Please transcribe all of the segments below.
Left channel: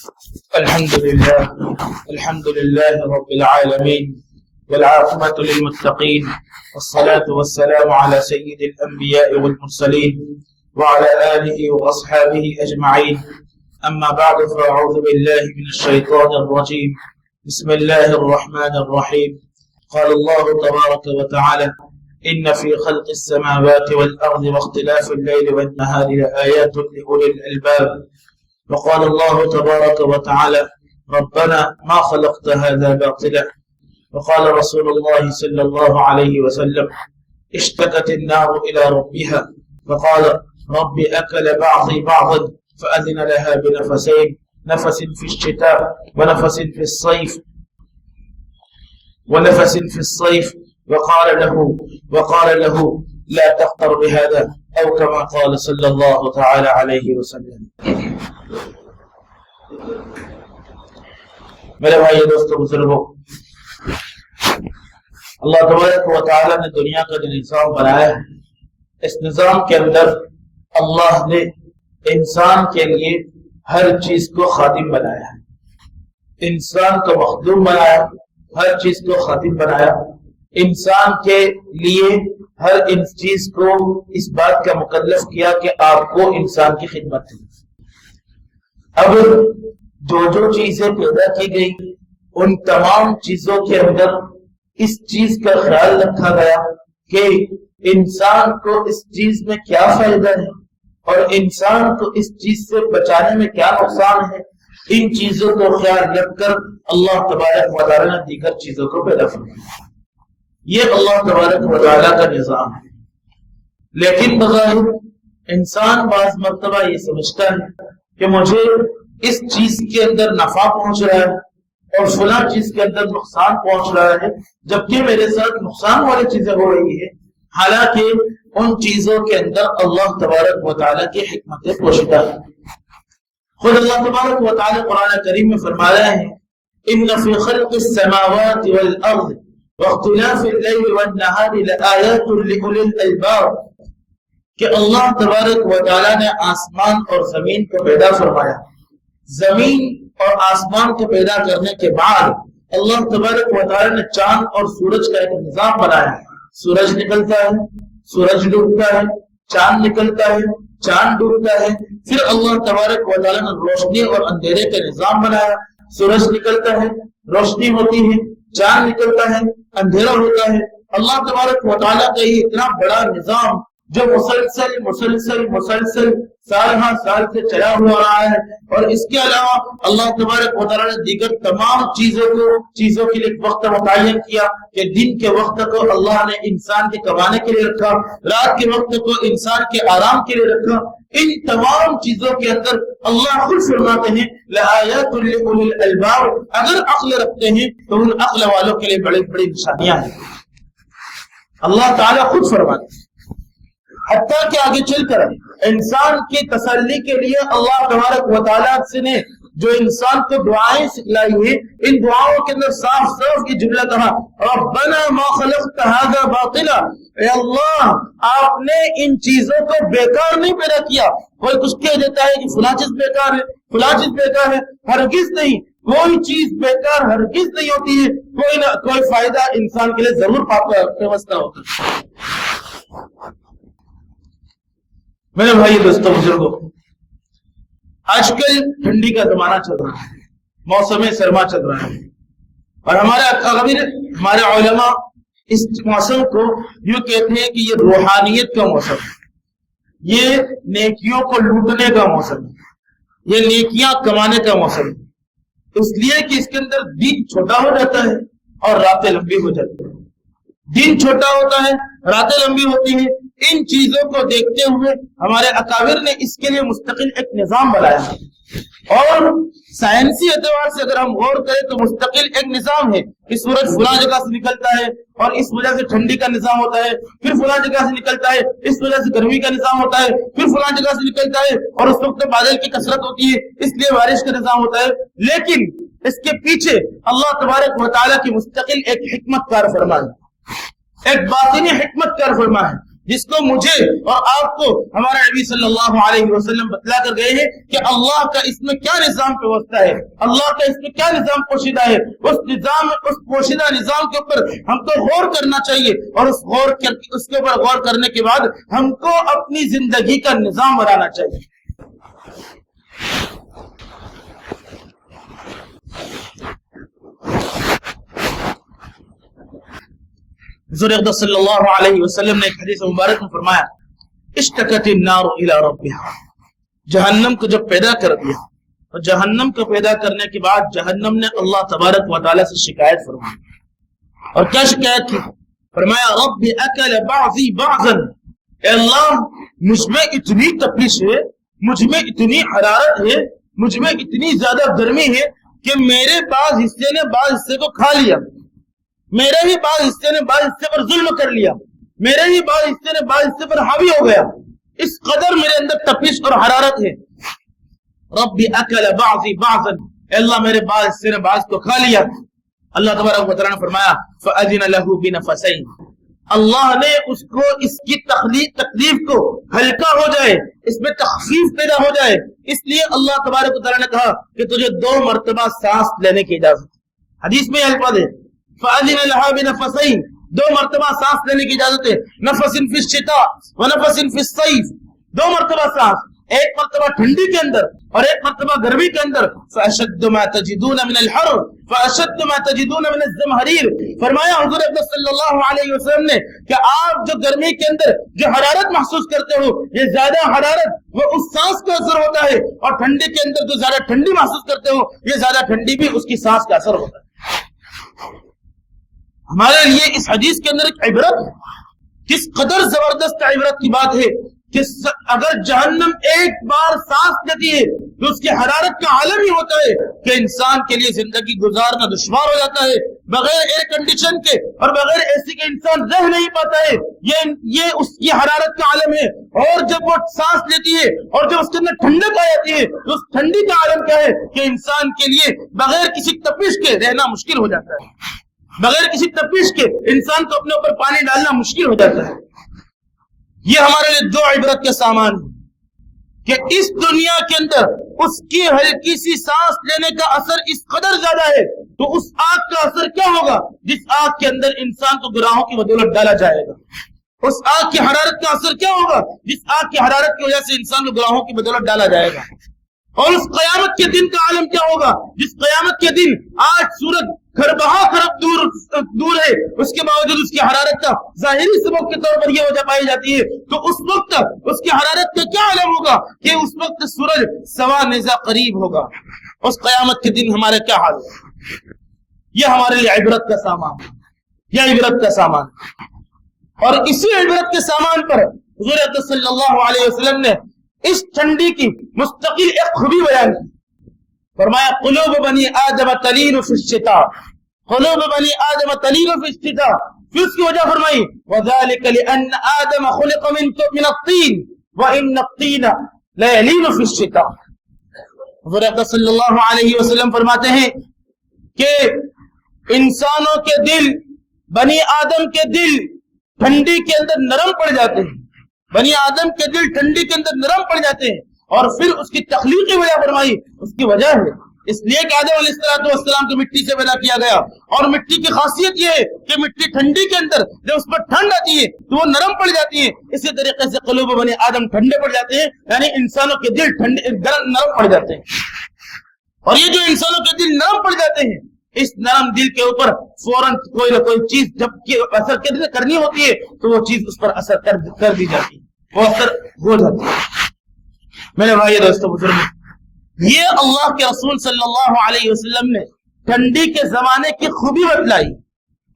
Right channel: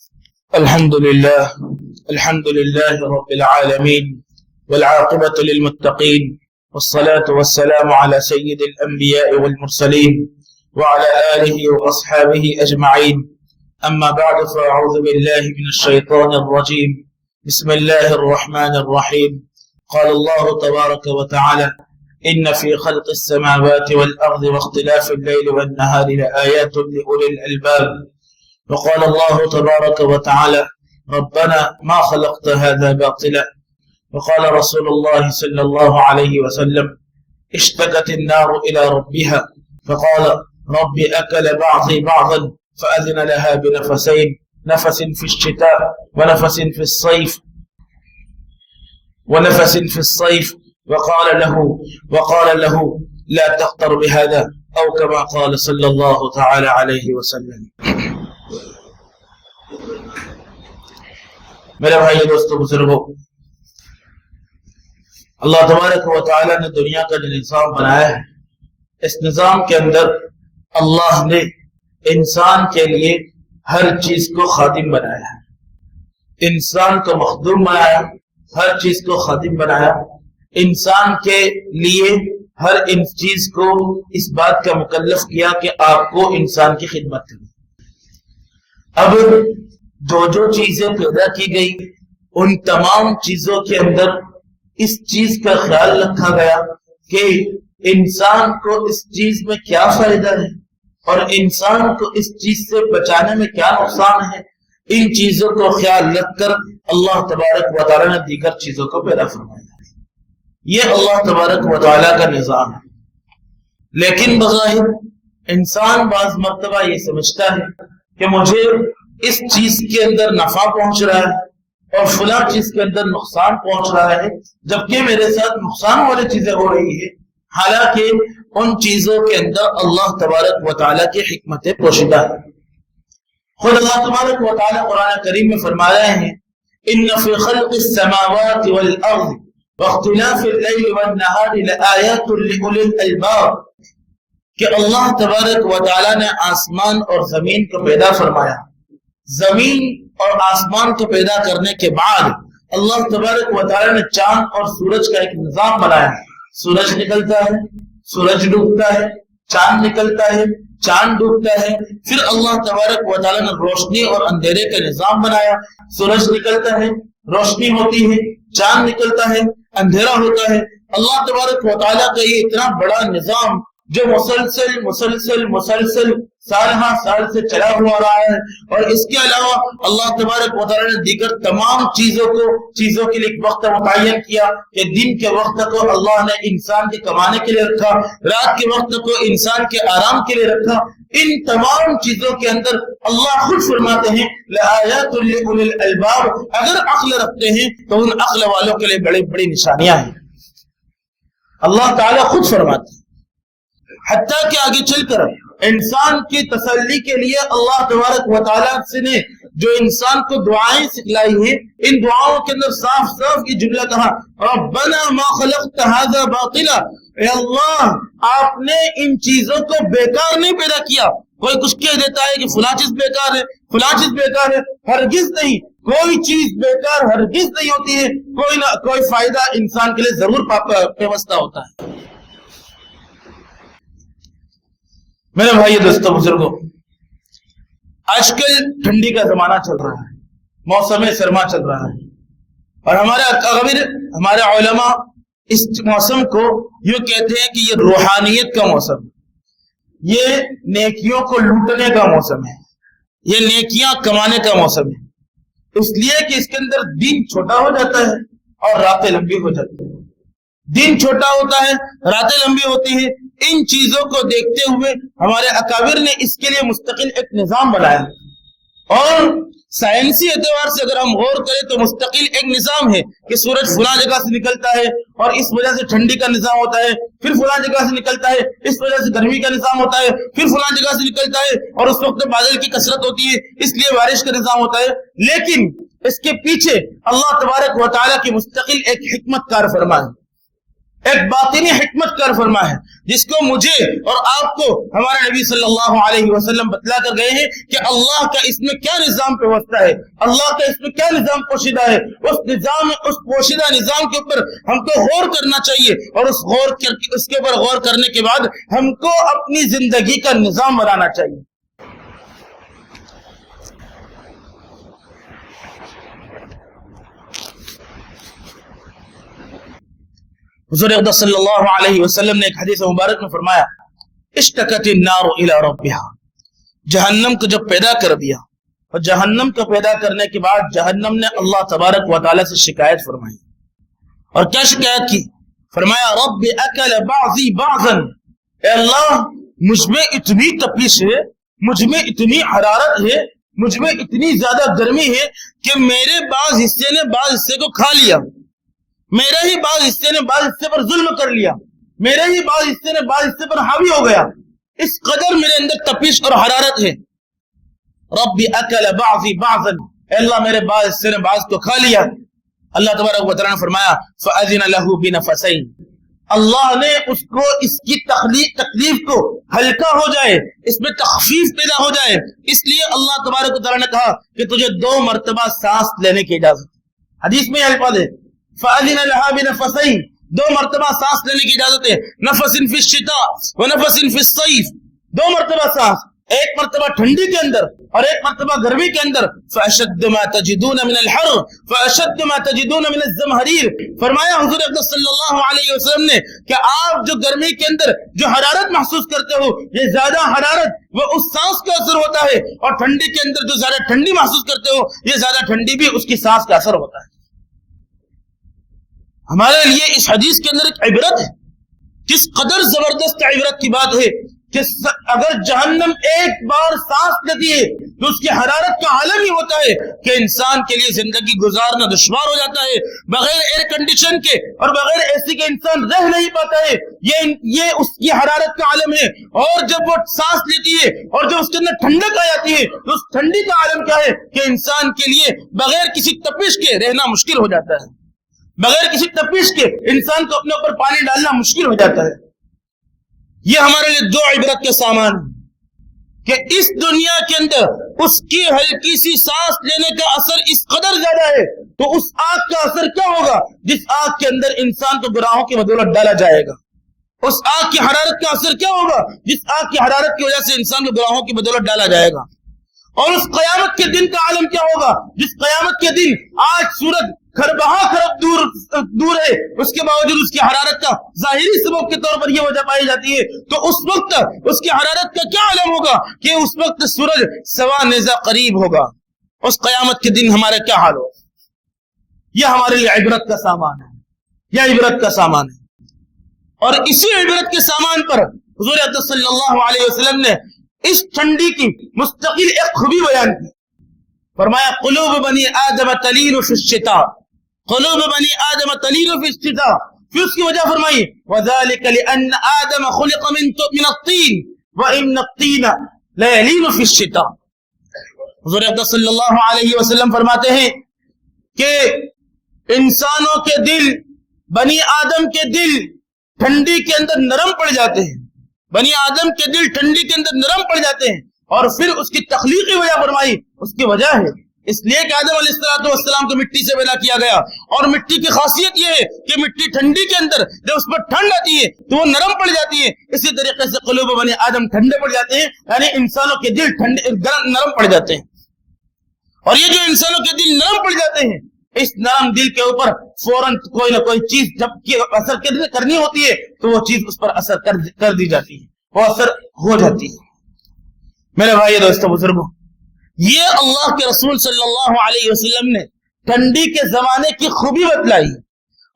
الحمد لله رب العالمين والعاقبة للمتقين والصلاة والسلام على سيد الأنبياء والمرسلين وعلى آله وأصحابه أجمعين. أما بعد، فأعوذ بالله من الشيطان الرجيم. بسم الله الرحمن الرحيم. قال الله تبارك وتعالى: إن في خلق السماوات والأرض واختلاف الليل والنهار لآيات لأولي الألباب. وقال الله تبارك وتعالى: ربنا ما خلقت هذا باطلا. وقال رسول الله صلى الله عليه وسلم: اشتكت النار إلى ربها فقال: رب أكل بعضي بعضا، فأذن لها بنفسين، نفس في الشتاء ونفس في الصيف وقال له لا تخطر بهذا، أو كما قال صلی اللہ تعالی علیہ وسلم. میرے بھائی دوستو بزرگو، اللہ تبارک و تعالی نے دنیا کا جو نظام بنایا ہے، اس نظام کے اندر اللہ نے انسان کے لیے ہر چیز کو خادم بنایا ہے، انسان کو مخدوم بنایا، ہر چیز کو خادم بنایا، انسان کے لیے ہر چیز کو اس بات کا مکلف کیا کہ آپ کو انسان کی خدمت کرے. اب جو چیزیں پیدا کی گئی، ان تمام چیزوں کے اندر اس چیز کا خیال رکھا گیا کہ انسان کو اس چیز میں کیا فائدہ ہے اور انسان کو اس چیز سے بچانے میں کیا نقصان ہے. ان چیزوں کو خیال رکھ کر اللہ تبارک و تعالی نے دیگر چیزوں کو پیدا فرمایا. یہ اللہ تبارک و تعالی کا نظام ہے. لیکن بظاہر انسان بعض مرتبہ یہ سمجھتا ہے کہ مجھے اس چیز کے اندر نفع پہنچ رہا ہے اور فلاں چیز کے اندر نقصان پہنچ رہا ہے، جبکہ میرے ساتھ نقصان والی چیزیں ہو رہی ہے، حالانکہ ان چیزوں کے اندر اللہ تبارک و تعالی کی حکمتیں پوشیدہ ہیں. خود اللہ تبارک و تعالی قرآن کریم میں فرما رہے ہیں: ان فی خلق السماوات والارض واختلاف اللیل والنہار لآیات لأولی الالباب، کہ اللہ تبارک و تعالی نے آسمان اور زمین کو پیدا فرمایا. زمین اور آسمان کو پیدا کرنے کے بعد اللہ تبارک و تعالی نے چاند اور سورج کا ایک نظام بنایا. سورج نکلتا ہے، سورج ڈوبتا ہے، چاند نکلتا ہے، چاند ڈوبتا ہے. پھر اللہ تبارک و تعالی نے روشنی اور اندھیرے کا نظام بنایا. سورج نکلتا ہے، روشنی ہوتی ہے، چاند نکلتا ہے، اندھیرا ہوتا ہے. اللہ تبارک و تعالیٰ کا یہ اتنا بڑا نظام جو مسلسل سال ہاں سال سے چلا ہوا رہا ہے، اور اس کے علاوہ اللہ تبارک و تعالیٰ نے دیگر تمام چیزوں کے لیے وقت متعین کیا کہ دن کے وقت کو اللہ نے انسان کے کمانے کے لیے رکھا، رات کے وقت کو انسان کے آرام کے لیے رکھا. ان تمام چیزوں کے اندر اللہ خود فرماتے ہیں: لآیات لأولی الالباب، اگر عقل رکھتے ہیں تو ان عقل والوں کے لیے بڑی بڑی نشانیاں ہیں. اللہ تعالیٰ خود فرماتے ہیں. حتیٰ کہ آگے چل کر انسان کی تسلی کے لیے اللہ تبارک و تعالیٰ سے نے جو انسان کو دعائیں سکھلائی ہیں، ان دعاؤں کے اندر صاف یہ جملہ کہا: ربنا ما خلقت هذا باطلا. اے اللہ، آپ نے ان چیزوں کو بیکار نہیں پیدا کیا. کوئی کچھ کہہ دیتا ہے کہ فلاں چیز بیکار ہے، فلاں چیز بیکار ہے. ہرگز نہیں، کوئی چیز بیکار ہرگز نہیں ہوتی ہے. کوئی فائدہ انسان کے لیے ضرور پیوستہ ہوتا ہے. میرے بھائی دوستو بزرگو، آج کل ٹھنڈی کا زمانہ چل رہا ہے، موسم سرما چل رہا ہے، اور ہمارے اکابر، ہمارے علماء اس موسم کو یوں کہتے ہیں کہ یہ روحانیت کا موسم ہے، یہ نیکیوں کو لوٹنے کا موسم ہے، یہ نیکیاں کمانے کا موسم ہے. اس لیے کہ اس کے اندر دن چھوٹا ہو جاتا ہے اور راتیں لمبی ہو جاتی ہیں. دن چھوٹا ہوتا ہے، راتیں لمبی ہوتی ہیں. ان چیزوں کو دیکھتے ہوئے ہمارے اکابر نے اس کے لیے مستقل ایک نظام بنایا ہے، اور سائنسی اعتبار سے اگر ہم غور کریں تو مستقل ایک نظام ہے کہ سورج فلاں جگہ سے نکلتا ہے اور اس وجہ سے ٹھنڈی کا نظام ہوتا ہے، پھر فلاں جگہ سے نکلتا ہے اس وجہ سے گرمی کا نظام ہوتا ہے، پھر فلاں جگہ سے نکلتا ہے اور اس وقت بادل کی کثرت ہوتی ہے اس لیے بارش کا نظام ہوتا ہے. لیکن اس کے پیچھے اللہ تبارک و تعالیٰ کی مستقل ایک حکمت کار فرما ہے، ایک باطنی حکمت کار فرما ہے. جس کو مجھے اور آپ کو ہمارے نبی صلی اللہ علیہ وسلم بتلا کر گئے ہیں کہ اللہ کا اس میں کیا نظام پیوستہ ہے، اللہ کا اس میں کیا نظام پوشیدہ ہے، اس پوشیدہ نظام کے اوپر ہم کو غور کرنا چاہیے، اور اس کے اوپر غور کرنے کے بعد ہم کو اپنی زندگی کا نظام بنانا چاہیے۔ حضور اقدس صلی اللہ علیہ وسلم نے ایک حدیث مبارک میں فرمایا، اشتکت النار الی ربها، جہنم کو جب پیدا کر دیا اور جہنم کو پیدا کرنے کے بعد جہنم نے اللہ تبارک و تعالی سے شکایت فرمائی، اور کیا شکایت کی؟ فرمایا رب اکل بعضی بعضا، اے اللہ مجھ میں اتنی تپش ہے، مجھ میں اتنی حرارت ہے، مجھ میں اتنی زیادہ گرمی ہے کہ میرے بعض حصے نے بعض حصے کو کھا لیا، میرے ہی بعض حصے نے بعض حصے پر ظلم کر لیا، میرے ہی بعض حصے نے بعض حصے پر حاوی ہو گیا، اس قدر میرے اندر تپش اور حرارت ہے۔ رب اکل بعضی بعضا، اے اللہ میرے بعض حصے نے بعض کو کھا لیا۔ اللہ تبارک و تعالیٰ نے فرمایا فأذن له بنفسین، اللہ نے اس کو اس کی تکلیف کو ہلکا ہو جائے، اس میں تخفیف پیدا ہو جائے، اس لیے اللہ تبارک و تعالیٰ نے کہا کہ تجھے 2 مرتبہ سانس لینے کی اجازت۔ حدیث میں یہ الفاظ ہے فأذن لها بنفسین، 2 مرتبہ سانس لینے کی اجازت ہے، نفس فی الشتاء ونفس فی الصیف، 2 مرتبہ سانس، ایک مرتبہ ٹھنڈی کے اندر اور ایک مرتبہ گرمی کے اندر۔ فأشد ما تجدون من الحر فأشد ما تجدون من الزمہریر، فرمایا حضور اقدس صلی اللہ علیہ وسلم نے کہ آپ جو گرمی کے اندر جو حرارت محسوس کرتے ہو، یہ زیادہ حرارت وہ اس سانس کا اثر ہوتا ہے، اور ٹھنڈی کے اندر جو زیادہ ٹھنڈی محسوس کرتے ہو، یہ زیادہ ٹھنڈی بھی اس کی سانس کا اثر ہوتا ہے۔ ہمارے لیے اس حدیث کے اندر ایک عبرت ہے، کس قدر زبردست عبرت کی بات ہے کہ اگر جہنم ایک بار سانس لیتی ہے تو اس کی حرارت کا عالم ہی ہوتا ہے کہ انسان کے لیے زندگی گزارنا دشوار ہو جاتا ہے، بغیر ایئر کنڈیشن کے اور بغیر اے سی کے انسان رہ نہیں پاتا ہے، یہ اس کی حرارت کا عالم ہے۔ اور جب وہ سانس لیتی ہے اور جب اس کے اندر ٹھنڈک آ جاتی ہے تو اس ٹھنڈی کا عالم کیا ہے کہ انسان کے لیے بغیر کسی تپش کے رہنا مشکل ہو جاتا ہے، بغیر کسی تپش کے انسان کو اپنے اوپر پانی ڈالنا مشکل ہو جاتا ہے۔ یہ ہمارے لیے 2 عبرت کے سامان کہ اس دنیا کے اندر اس کی ہلکی سی سانس لینے کا اثر اس قدر زیادہ ہے، تو اس آگ کا اثر کیا ہوگا جس آگ کے اندر انسان کو گناہوں کی بدولت ڈالا جائے گا؟ اس آگ کی حرارت کا اثر کیا ہوگا جس آگ کی حرارت کی وجہ سے انسان کو گناہوں کی بدولت ڈالا جائے گا؟ اور اس قیامت کے دن کا عالم کیا ہوگا جس قیامت کے دن آج سورج خرب دور ہے، اس کے باوجود اس کی حرارت کا ظاہری سبب کے طور پر یہ وجہ پائی جاتی ہے، تو اس وقت اس کی حرارت کا کیا عالم ہوگا کہ اس وقت سورج سوا نیزہ قریب ہوگا۔ اس قیامت کے دن ہمارا کیا حال ہوگا؟ یہ ہمارے لیے عبرت کا سامان ہے، یہ عبرت کا سامان ہے۔ اور اسی عبرت کے سامان پر حضور اقدس صلی اللہ علیہ وسلم نے اس ٹھنڈی کی مستقل ایک خوبی بیان کی، فرمایا قلوب بنی آدم تلین فی الشتاء، قلوب بنی آدم تلین فی الشتاء، پھر اس کی وجہ فرمائی وذالک لأن آدم خلق من الطین وإن الطین لیلین فی الشتاء۔ حضور اقدس صلی اللہ علیہ وسلم فرماتے ہیں کہ انسانوں کے دل، بنی آدم کے دل ٹھنڈی کے اندر نرم پڑ جاتے ہیں، بنی آدم کے دل ٹھنڈی کے اندر نرم پڑ جاتے ہیں، اور پھر اس کی تخلیقی وجہ فرمائی، اس کی وجہ ہے اس لیے کہ آدم علیہ السلام کو مٹی سے پیدا کیا گیا، اور مٹی کی خاصیت یہ ہے کہ مٹی ٹھنڈی کے اندر جب اس پر ٹھنڈ آتی ہے تو وہ نرم پڑ جاتی ہے، اسی طریقے سے قلوب بنی آدم ٹھنڈے پڑ جاتے ہیں، یعنی انسانوں کے دل نرم پڑ جاتے ہیں۔ اور یہ جو انسانوں کے دل نرم پڑ جاتے ہیں، اس نرم دل کے اوپر فوراً کوئی نہ کوئی چیز جب اثر کرنی ہوتی ہے تو وہ چیز اس پر اثر کر دی جاتی ہے، وہ اثر ہو جاتی ہے۔ میرے بھائی دوستو بزرگوں، یہ اللہ کے رسول صلی اللہ علیہ وسلم نے ٹھنڈی کے زمانے کی خوبی بتلائی،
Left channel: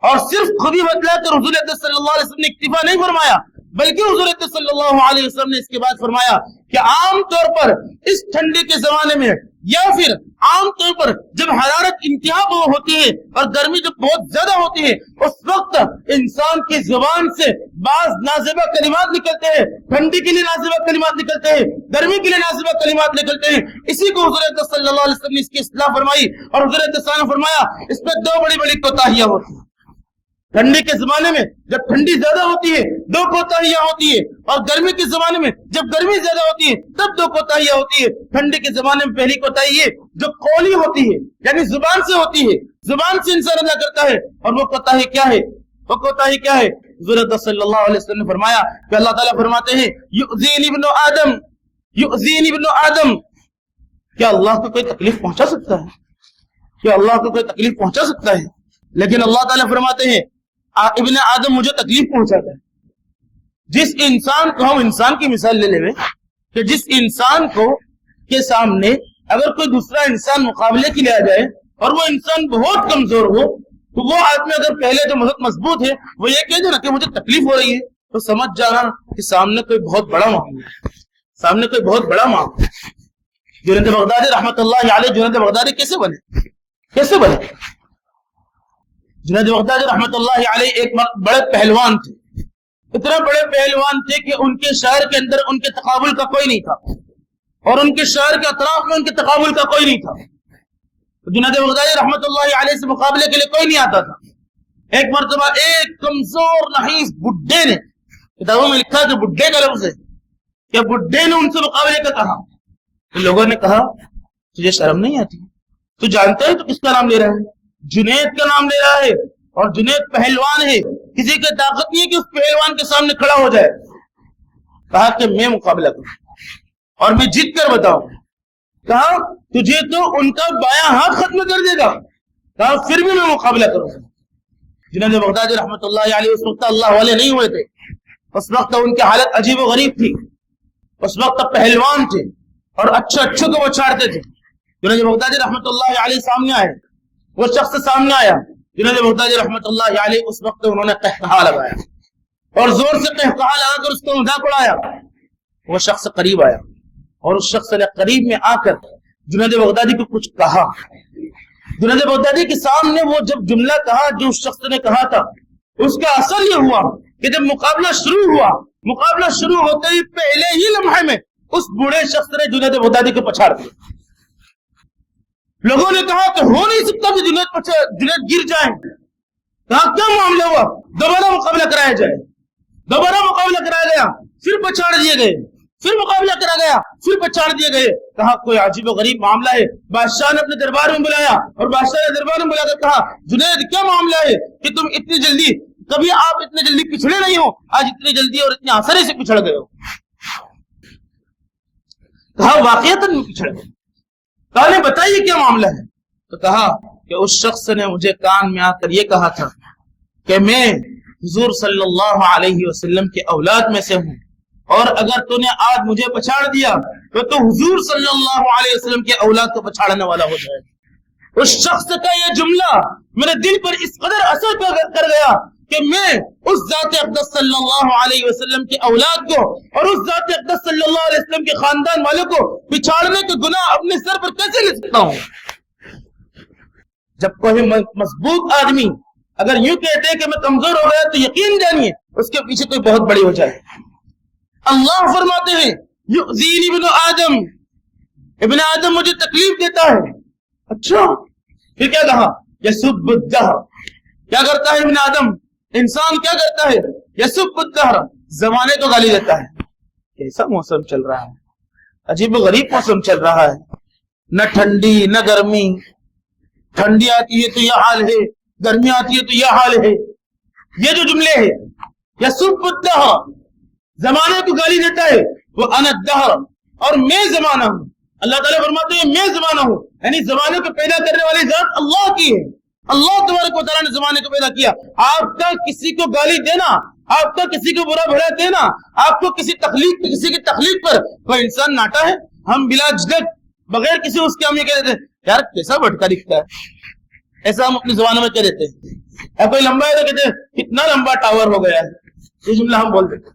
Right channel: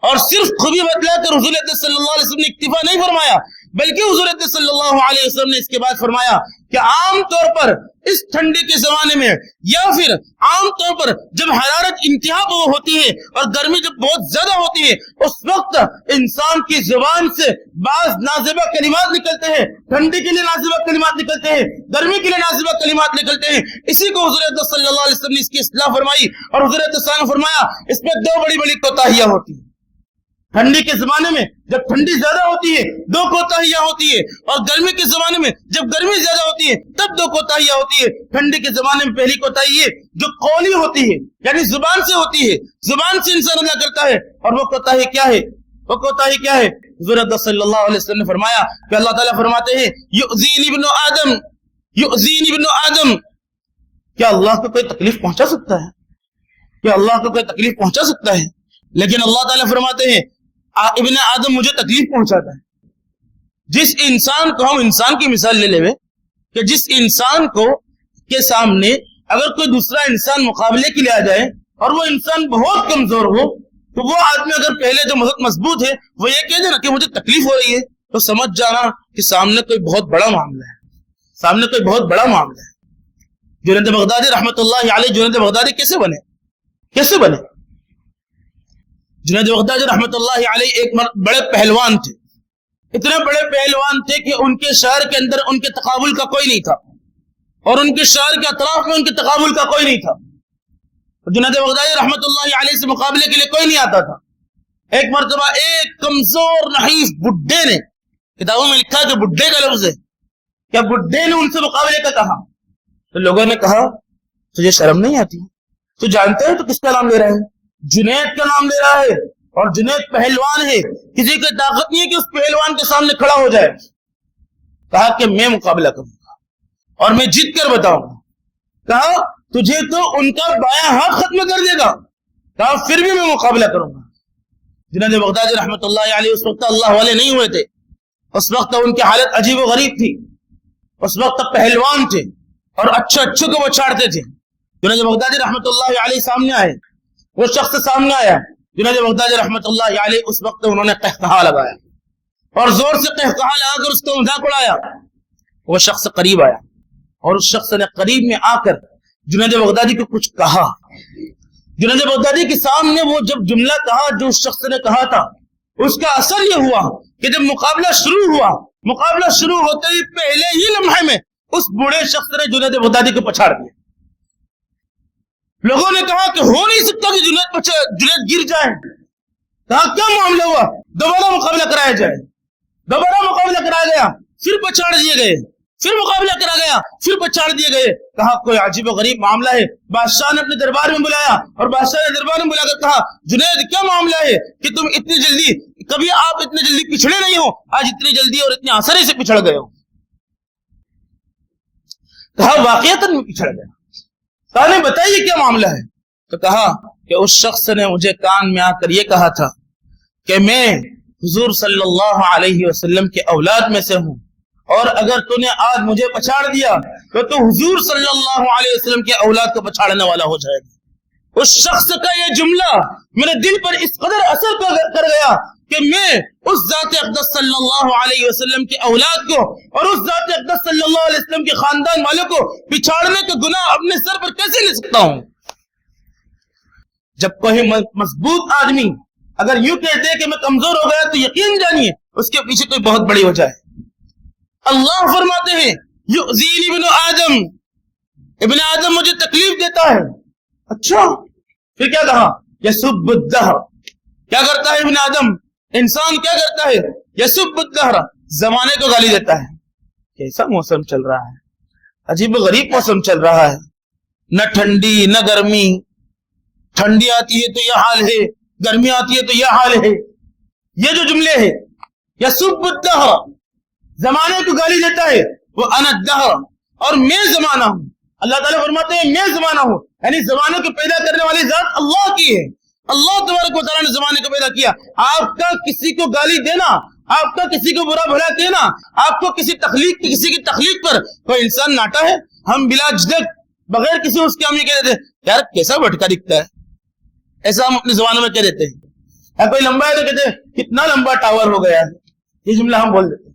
اور صرف خوبی بتلا کر حضور صلی اللہ علیہ وسلم نے اکتفا نہیں فرمایا، بلکہ حضور صلی اللہ علیہ وسلم نے اس کے بعد فرمایا کہ عام طور پر اس ٹھنڈی کے زمانے میں یا پھر عام طور پر جب حرارت انتہا کو ہوتی ہے اور گرمی جب بہت زیادہ ہوتی ہے، اس وقت انسان کی زبان سے بعض نازیبہ کلمات نکلتے ہیں، ٹھنڈی کے لیے نازیبہ کلمات نکلتے ہیں، گرمی کے لیے نازیبہ کلمات نکلتے ہیں۔ اسی کو حضور صلی اللہ علیہ وسلم نے اس کی اصلاح فرمائی، اور حضور صلی اللہ علیہ وسلم نے فرمایا اس میں 2 بڑی بڑی کوتاہیاں ہوتی ہیں۔ ٹھنڈی کے زمانے میں جب ٹھنڈی زیادہ ہوتی ہے 2 کوتاہیاں ہوتی ہے، اور گرمی کے زمانے میں جب گرمی زیادہ ہوتی ہے تب 2 کوتاہیاں ہوتی ہے۔ ٹھنڈی کے زمانے میں پہلی کوتاہی ہے جو قولی ہوتی ہے، یعنی زبان سے ہوتی ہے، زبان سے انسان ادا کرتا ہے، اور وہ کوتاہی کیا ہے؟ وہ کوتاہی کیا ہے؟ حضور اقدس صلی اللہ علیہ وسلم نے فرمایا کہ اللہ تعالیٰ فرماتے ہیں یؤذینی ابن آدم، یؤذینی ابن آدم، کیا اللہ کو کوئی تکلیف پہنچا سکتا ہے؟ کیا اللہ کو کوئی تکلیف پہنچا سکتا ہے؟ لیکن اللہ تعالیٰ فرماتے ہیں ابن آدم مجھے تکلیف پہنچاتا ہے۔ جس انسان کو ہم انسان کی مثال لے لیں کہ جس انسان کو کے سامنے اگر کوئی دوسرا انسان مقابلے کے لیے آ جائے اور وہ انسان بہت کمزور ہو، تو وہ آدمی اگر پہلے جو مضبوط ہے وہ یہ کہہ دے نا کہ مجھے تکلیف ہو رہی ہے، تو سمجھ جانا کہ سامنے کوئی بہت بڑا معاملہ ہے، سامنے کوئی بہت بڑا معاملہ ہے۔ جنید بغدادی رحمت اللہ علیہ، جنید بغدادی کیسے بنے؟ کیسے بنے؟ جنید بغدادی رحمت اللہ علیہ ایک بڑے پہلوان تھے، اتنے بڑے پہلوان تھے کہ ان کے شہر کے اندر ان کے تقابل کا کوئی نہیں تھا، اور ان کے شہر کے اطراف میں ان کے تقابل کا کوئی نہیں تھا۔ جنید بغدادی رحمت اللہ علیہ سے مقابلے کے لیے کوئی نہیں آتا تھا۔ ایک مرتبہ ایک کمزور نحیف بڈھے نے، کتابوں میں لکھا کہ بڈھے کا لفظ ہے، کیا بڈھے نے ان سے مقابلے کا کہا؟ تو لوگوں نے کہا تجھے شرم نہیں آتی؟ تو جانتا ہے تو کس کا نام لے رہا ہے؟ جنید کا نام لے رہا ہے، اور جنید پہلوان ہے، کسی کی طاقت نہیں ہے کہ اس پہلوان کے سامنے کھڑا ہو جائے۔ کہا کہ میں مقابلہ کروں گا اور میں جیت کر بتاؤں گا۔ کہا تجھے تو ان کا بایاں ہاتھ ختم کر دے گا۔ کہا پھر بھی میں مقابلہ کروں گا۔ جنید بغدادی رحمت اللہ علیہ اس وقت اللہ والے نہیں ہوئے تھے، اس وقت ان کی حالت عجیب و غریب تھی، اس وقت پہلوان تھے اور اچھے کو وہ چھاڑتے تھے۔ جنید بغدادی رحمت اللہ علیہ سامنے آئے، وہ شخص سامنے آیا، جنید بغدادی رحمت اللہ علیہ اس وقت انہوں نے قہقہا لگایا اور زور سے قہقہا لگا کر اس کو مذاق اڑایا۔ وہ شخص قریب آیا اور اس شخص نے قریب میں آ کر جنید بغدادی کو کچھ کہا۔ جنید بغدادی کے سامنے وہ جب جملہ کہا جو اس شخص نے کہا تھا، اس کا اثر یہ ہوا کہ جب مقابلہ شروع ہوا، مقابلہ شروع ہوتے ہی پہلے ہی لمحے میں اس بوڑھے شخص نے جنید بغدادی کو پچھاڑ دیا۔ لوگوں نے کہا کہ ہو نہیں سکتا کہ جنید گر جائے۔ کہا کیا معاملہ ہوا؟ دوبارہ مقابلہ کرایا جائے۔ دوبارہ مقابلہ کرایا گیا، پھر پچھاڑ دیے گئے، پھر مقابلہ کرا گیا، پھر پچھاڑ دیے گئے۔ کہا کوئی عجیب و غریب معاملہ ہے۔ بادشاہ نے اپنے دربار میں بلایا اور بادشاہ نے دربار میں بلا کر کہا جنید کیا معاملہ ہے کہ تم اتنی جلدی، کبھی آپ اتنے جلدی پچھڑے نہیں ہو، آج اتنی جلدی اور اتنی آسانی سے پچھڑ گئے ہو۔ کہا واقعتاً پچھڑ گیا۔ کہا بتائیے کیا معاملہ ہے؟ تو کہا کہ اس شخص نے مجھے کان میں آ کر یہ کہا تھا کہ میں حضور صلی اللہ علیہ وسلم کے اولاد میں سے ہوں، اور اگر تو نے آج مجھے پچھاڑ دیا تو حضور صلی اللہ علیہ وسلم کے اولاد کو پچھاڑنے والا ہو جائے گا۔ اس شخص کا یہ جملہ میرے دل پر اس قدر اثر کر گیا کہ میں اس ذات اقدس صلی اللہ علیہ وسلم کے اولاد کو اور اس ذات اقدس صلی اللہ علیہ وسلم کے خاندان والوں کو پچھاڑنے کا گناہ اپنے سر پر کیسے لے سکتا ہوں؟ جب کوئی مضبوط آدمی اگر یوں کہتے کہ میں کمزور ہو گیا تو یقین جانیے اس کے پیچھے کوئی بہت بڑی وجہ ہے۔ اللہ فرماتے ہیں یؤذینی ابن آدم، ابن آدم مجھے تکلیف دیتا ہے۔ اچھا پھر کیا کہا؟ یسب الدہر، کیا کرتا ہے ابن آدم؟ انسان کیا کرتا ہے؟ یسب الدہر، زمانے کو گالی دیتا ہے۔ کیسا موسم چل رہا ہے، عجیب و غریب موسم چل رہا ہے، نہ ٹھنڈی نہ گرمی، ٹھنڈی آتی ہے تو یہ حال ہے، گرمی آتی ہے تو یہ حال ہے۔ یہ جو جملے ہیں یسب الدہر، زمانے کو گالی دیتا ہے، وہ انا الدہر، اور میں زمانہ ہوں۔ اللہ تعالیٰ فرماتے ہیں میں زمانہ ہوں، یعنی زمانے کو پیدا کرنے والی ذات اللہ کی ہے۔ اللہ تبارک و تعالیٰ نے زمانے کو پیدا کیا۔ آپ کا کسی کو گالی دینا، آپ کا کسی کو برا بھلا کہنا، آپ کو کسی کی تخلیق پر کوئی انسان ناٹا ہے؟ ہم بلا جھجک بغیر کسی اس کے ہم یہ کہہ دیتے ہیں یار کیسا بھٹکا دکھتا ہے، ایسا ہم اپنی زبانوں میں کہہ دیتے ہیں۔ کوئی لمبا ہے تو کہتے ہیں کتنا لمبا ٹاور ہو گیا ہے، یہ جملہ ہم بول دیتے ہیں،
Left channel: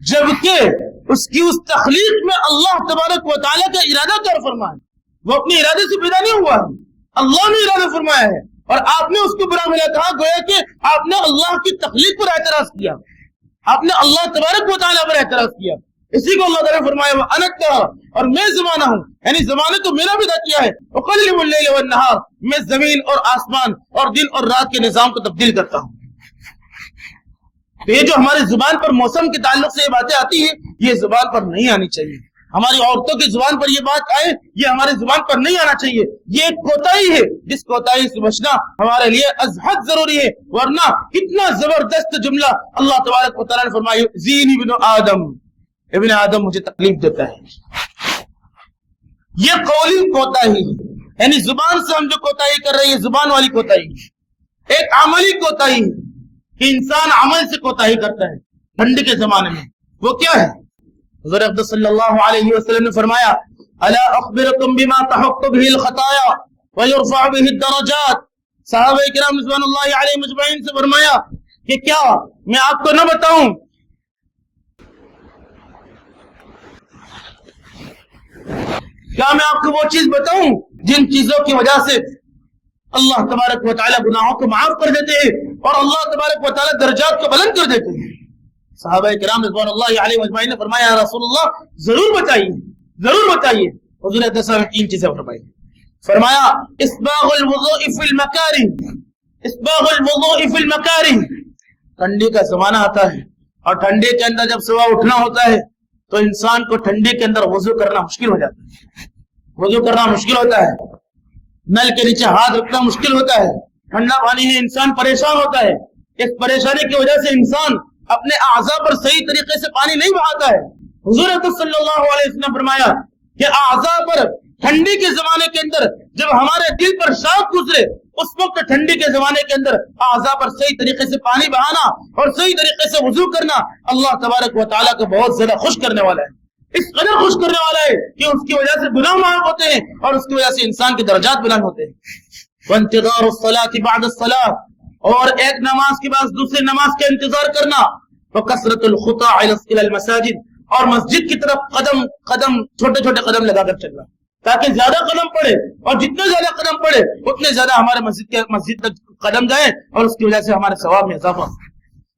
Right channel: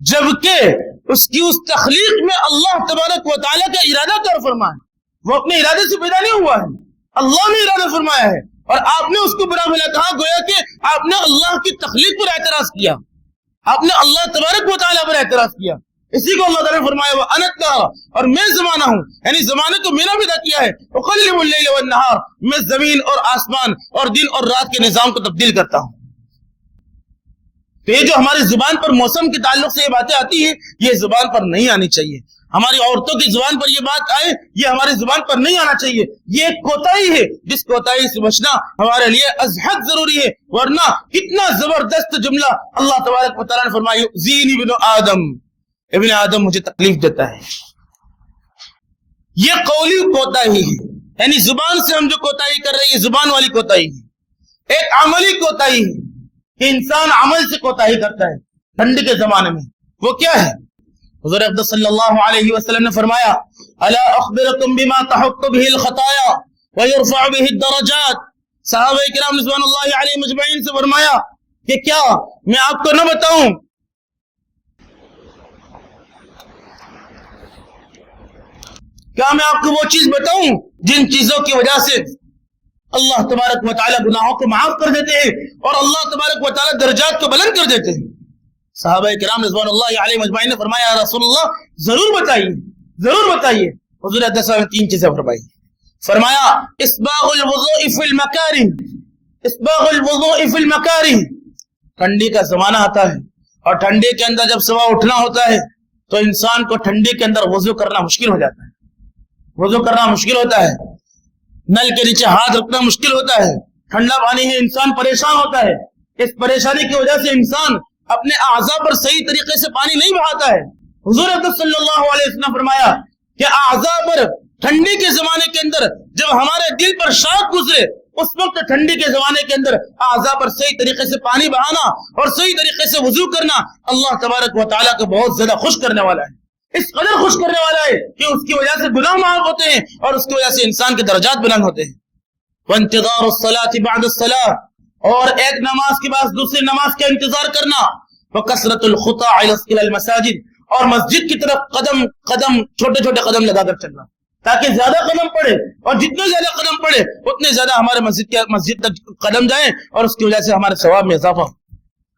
جبکہ اس کی اس تخلیق میں اللہ تبارک و تعالیٰ کا ارادہ کر فرمایا، وہ اپنے ارادے سے پیدا نہیں ہوا ہے، اللہ نے ارادہ فرمایا ہے، اور آپ نے اس کو برا بھلا کہا، گویا کہ آپ نے اللہ کی تخلیق پر اعتراض کیا، آپ نے اللہ تبارک و تعالیٰ پر اعتراض کیا۔ اسی کو اللہ تعالیٰ نے فرمایا وہ انت، اور میں زمانہ ہوں، یعنی زمانے تو میرا پیدا کیا ہے، اقلب اللیل والنہار، میں زمین اور آسمان اور دن اور رات کے نظام کو تبدیل کرتا ہوں۔ تو یہ جو ہماری زبان پر موسم کے تعلق سے یہ باتیں آتی ہیں یہ زبان پر نہیں آنی چاہیے. ہماری عورتوں کی زبان پر یہ بات آئے یہ ہماری زبان پر نہیں آنا چاہیے. یہ ایک کوتاہی ہے جس کوتاہی سے بچنا ہمارے لیے ازحد ضروری ہے. ورنہ کتنا زبردست جملہ اللہ تبارک و تعالیٰ نے فرمایا زین ابن آدم مجھے تکلیف دیتا ہے. یہ قولی کوتاہی ہے یعنی زبان سے ہم جو کوتاہی کر رہے ہیں یہ زبان والی کوتاہی ہے. ایک عملی کوتاہی ہے کہ انسان عمل سے کوتاہی کرتا ہے. ٹھنڈی کے زمانے میں وہ کیا ہے؟ حضور اقدس صلی اللہ علیہ وسلم نے فرمایا الا اخبرکم بما تحط به الخطایا ويرفع به الدرجات. صحابہ کرام رضوان اللہ علیہ مجمعین سے فرمایا کہ کیا میں آپ کو نہ بتاؤں کیا میں آپ کو وہ چیز بتاؤں جن چیزوں کی وجہ سے اللہ تبارک و تعالیٰ گناہوں کو معاف کر دیتے ہیں اور اللہ تبارک و تعالیٰ درجات کو بلند کر دیتے ہیں. صحابہ کرام رضوان اللہ علیہ مجمعین نے فرمایا یا رسول اللہ ضرور بتائیے ضرور بتائیے. حضور اقدس نے تین چیزیں فرمائی. فرمایا اسباغ الوضوء فی المکارہ اسباغ الوضوء فی المکارہ. ٹھنڈی کا زمانہ آتا ہے اور ٹھنڈی کے اندر جب صبح اٹھنا ہوتا ہے تو انسان کو ٹھنڈی کے اندر وضو کرنا مشکل ہو جاتا ہے. وضو کرنا مشکل ہوتا ہے. نل کے نیچے ہاتھ رکھنا مشکل ہوتا ہے. ٹھنڈا پانی ہے انسان پریشان ہوتا ہے. اس پریشانی کی وجہ سے انسان اپنے اعضاء پر صحیح طریقے سے پانی نہیں بہاتا ہے. حضور اقدس صلی اللہ علیہ وسلم نے فرمایا کہ اعضاء پر ٹھنڈی کے زمانے کے اندر جب ہمارے دل پر شاخ گزرے اس وقت ٹھنڈی کے زمانے کے اندر اعضاء پر صحیح طریقے سے پانی بہانا اور صحیح طریقے سے وضو کرنا اللہ تبارک و تعالیٰ کو بہت زیادہ خوش کرنے والا ہے. اس قدر خوش کرنے والا ہے کہ اس کی وجہ سے گناہ معاف ہوتے ہیں اور اس کی وجہ سے انسان کے درجات بلند ہوتے ہیں. وانتظار الصلاة بعد الصلاة اور ایک نماز کے بعد دوسری نماز کا انتظار کرنا. وکثرت الخطا الى المساجد اور مسجد کی طرف قدم قدم چھوٹے چھوٹے قدم لگا کر چلنا تاکہ زیادہ قدم پڑے اور جتنے زیادہ قدم پڑے اتنے زیادہ ہمارے مسجد تک قدم جائیں اور اس کی وجہ سے ہمارے ثواب میں اضافہ.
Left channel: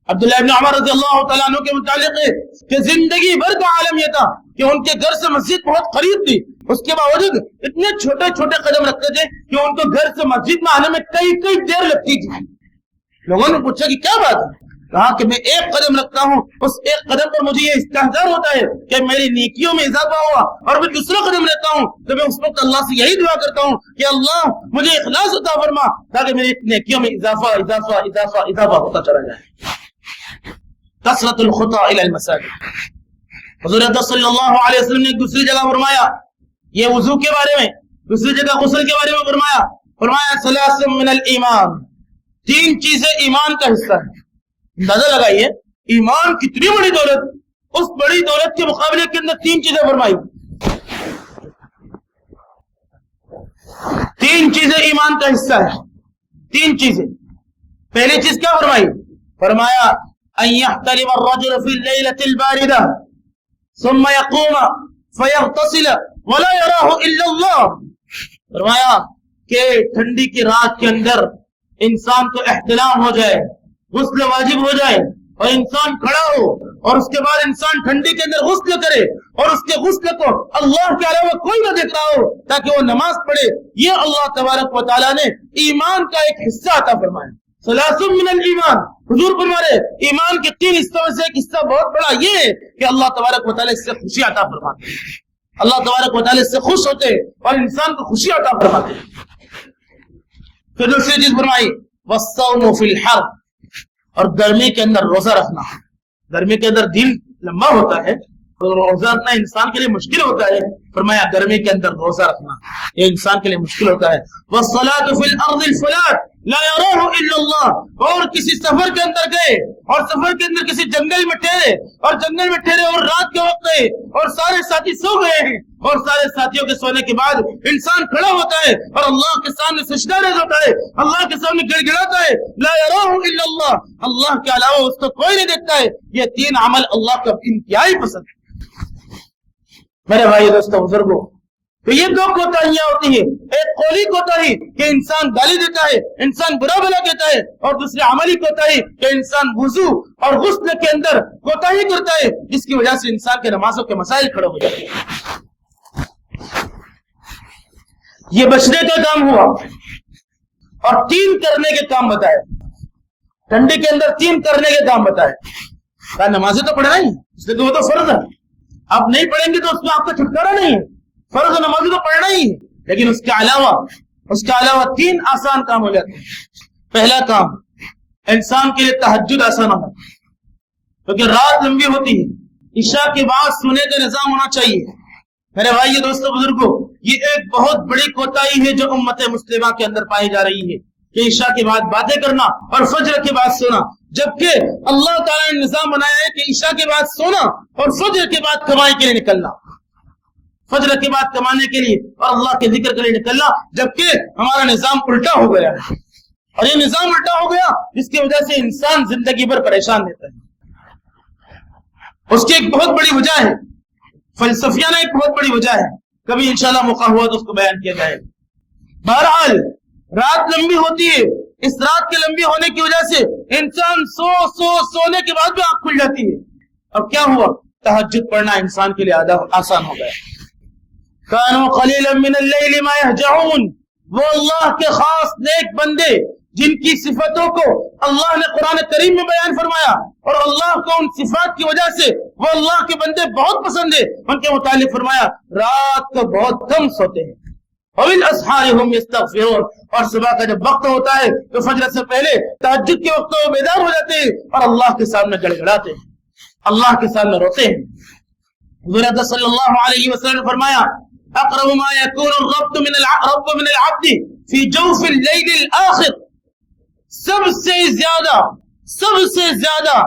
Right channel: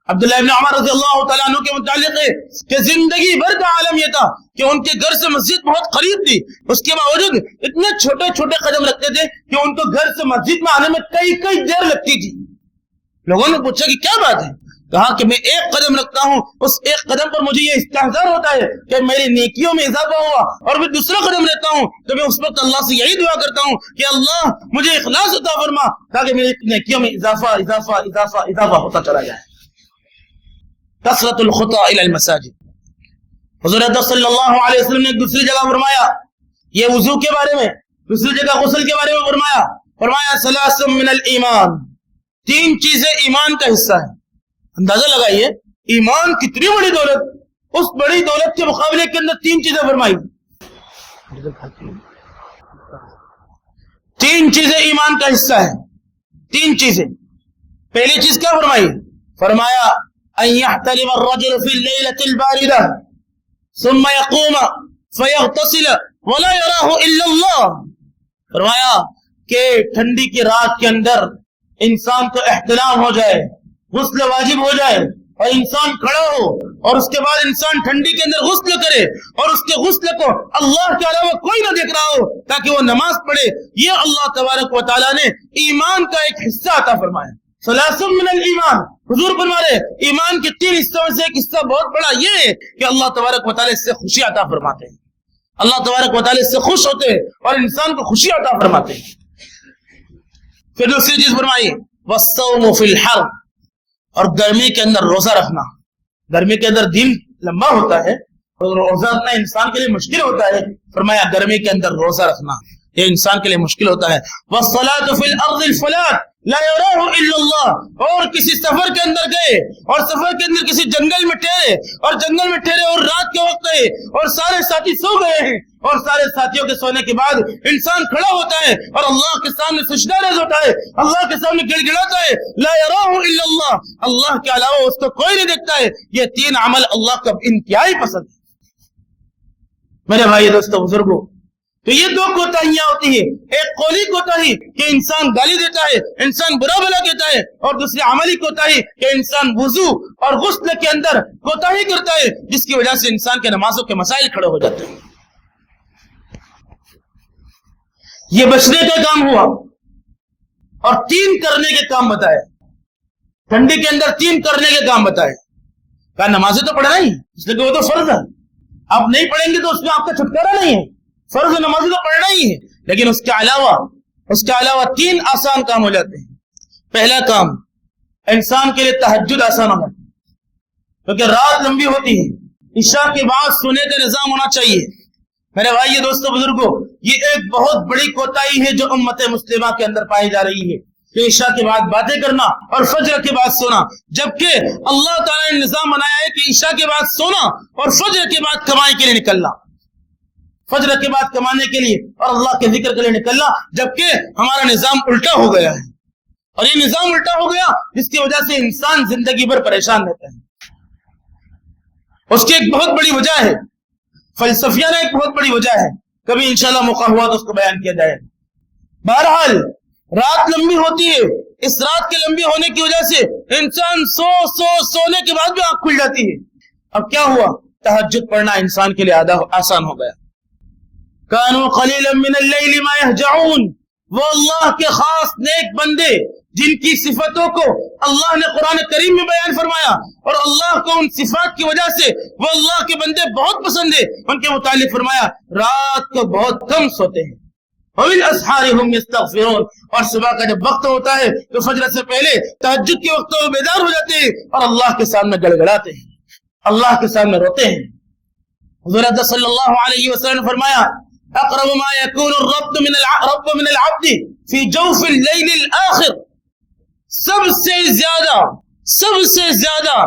عبداللہ ابن عمر رضی اللہ تعالیٰ عنہ کے متعلق ہے کہ زندگی بھر کا عالم یہ تھا کہ ان کے گھر سے مسجد بہت قریب تھی اس کے باوجود اتنے چھوٹے چھوٹے قدم رکھتے تھے کہ ان کو گھر سے مسجد میں آنے میں کئی دیر لگتی تھی. لوگوں نے پوچھا کہ کیا بات ہے؟ کہا کہ میں ایک قدم رکھتا ہوں اس ایک قدم پر مجھے یہ استحضار ہوتا ہے کہ میری نیکیوں میں اضافہ ہوا اور میں دوسرا قدم لیتا ہوں تو میں اس وقت اللہ سے یہی دعا کرتا ہوں کہ اللہ مجھے اخلاص عطا فرما تاکہ میری نیکیوں میں اضافہ اضافہ اضافہ اضافہ ہوتا چلا جائے. کثرت الخطا الى المساجد. حضور اقدس صلی اللہ علیہ وسلم نے دوسری جگہ فرمایا یہ وضو کے بارے میں دوسری جگہ غسل کے بارے میں فرمایا ثلاث من الایمان تین چیزیں ایمان کا حصہ ہیں. اندازہ لگائیے ایمان کتنی بڑی دولت اس بڑی دولت کے مقابلے کے اندر تین چیزیں فرمائی. تین چیزیں ایمان کا حصہ ہے. تین چیزیں. پہلی چیز کیا فرمائی؟ فرمایا ان يحتلم الرجل في الليلة الباردة ثم يقوم فيغتسل ولا يراه الا الله. فرمایا کہ ٹھنڈی کی رات کے اندر انسان کو احتلام ہو جائے غسل واجب ہو جائے اور انسان کھڑا ہو اور اس کے بعد انسان ٹھنڈی کے اندر غسل کرے اور اس کے غسل کو اللہ کے علاوہ کوئی نہ دیکھ رہا ہو تاکہ وہ نماز پڑھے. یہ اللہ تبارک و تعالیٰ نے ایمان کا ایک حصہ عطا فرمایا. ثلاث من الایمان حضور فرما رہے ایمان کے تین حصوں میں سے ایک حصہ بہت بڑا یہ ہے کہ اللہ تبارک و تعالیٰ اس سے خوشی عطا فرماتے ہیں. اللہ تبارک و تعالیٰ اس سے خوش ہوتے ہیں اور انسان کو خوشی عطا فرماتے ہیں. پھر دوسری چیز فرمائی والصوم فی الحر اور گرمی کے اندر روزہ رکھنا. گرمی کے اندر دن لمبا ہوتا ہے اور روزہ رکھنا انسان کے لیے مشکل ہوتا ہے. فرمایا گرمی کے اندر روزہ رکھنا یہ انسان کے لیے مشکل ہوتا ہے. والصلاة فی الارض الفلاة لا يراه الا اللہ اور کسی سفر کے اندر گئے اور سفر کے اندر کسی جنگل میں ٹھہرے اور جنگل میں ٹھہرے اور رات کے وقت گئے اور سارے ساتھی سو گئے ہیں اور سارے ساتھیوں کے سونے کے بعد انسان کھڑا ہوتا ہے اور اللہ کے سامنے سجدہ ریز ہوتا ہے اللہ کے سامنے گڑ گڑاتا ہے لا يراه الا اللہ اللہ کے علاوہ اس کو کوئی نہیں دیکھتا ہے. یہ تین عمل اللہ کا انتہائی پسند ہے. میرے بھائی دوستو بزرگوں تو یہ دو کوتاہیاں ہوتی ہیں. ایک قولی کوتاہی کہ انسان گالی دیتا ہے انسان برا بلا کہتا ہے اور دوسری عملی کوتاہی کہ انسان وضو اور غسل کے اندر کوتاہی کرتا ہے جس کی وجہ سے انسان کے نمازوں کے مسائل کھڑے ہو جاتے ہیں. یہ بچنے کا کام ہوا اور تین کرنے کے کام بتائے. ٹھنڈی کے اندر 3 کرنے کے کام بتائے. کہا نمازیں تو پڑھنا ہی، اس لیے کہ وہ تو فرض ہے، آپ نہیں پڑھیں گے تو اس میں آپ کا چھٹکارا نہیں ہے. فرض نمازیں تو پڑھنا ہی ہے، لیکن اس کے علاوہ 3 آسان کام ہو جاتے ہیں. پہلا کام، انسان کے لیے تہجد آسان ہونا، کیونکہ رات لمبی ہوتی ہے. عشاء کے بعد سونے کا نظام ہونا چاہیے. میرے بھائی دوستو بزرگوں، یہ ایک بہت بڑی کوتاہی ہے جو امت مسلمہ کے اندر پائی جا رہی ہے کہ عشاء کے بعد باتیں کرنا اور فجر کے بعد سونا، جبکہ اللہ تعالیٰ نے نظام بنایا ہے کہ عشاء کے بعد سونا اور فجر کے بعد کمائی کے لیے نکلنا، فجر کے بعد کمانے کے لیے اور اللہ کے ذکر کے لیے نکلنا. جبکہ ہمارا نظام الٹا ہو گیا ہے، اور یہ نظام الٹا ہو گیا جس کی وجہ سے انسان زندگی بھر پریشان رہتا ہے. اس کی ایک بہت بڑی وجہ ہے، فلسفیانہ ایک بہت بڑی وجہ ہے، کبھی انشاءاللہ موقع ہوا تو اس کو بیان کیا جائے. بہرحال رات لمبی ہوتی ہے، اس رات کے لمبی ہونے کی وجہ سے انسان سونے کے بعد بھی آنکھ کھل جاتی ہے. اب کیا ہوا؟ تہجد پڑھنا انسان کے لیے آسان ہو گیا. کانوا قلیلا من اللیل ما یہجعون، وہ اللہ کے خاص نیک بندے جن کی صفتوں کو اللہ نے قرآن کریم میں بیان فرمایا اور اللہ کو ان صفات کی وجہ سے وہ اللہ کے بندے بہت پسند ہے، ان کے متعلق فرمایا رات کو بہت کم سوتے ہیں. وبالاسحار هم يستغفرون، اور صبح کا جب وقت ہوتا ہے تو فجر سے پہلے تہجد کے وقت وہ بیدار ہو جاتے ہیں اور اللہ کے سامنے گڑگڑاتے ہیں، اللہ کے سامنے روتے ہیں. حضور صلی اللہ علیہ وسلم نے فرمایا اقرب ما يكون الرب من العبد في جوف الليل الاخر، سب سے زیادہ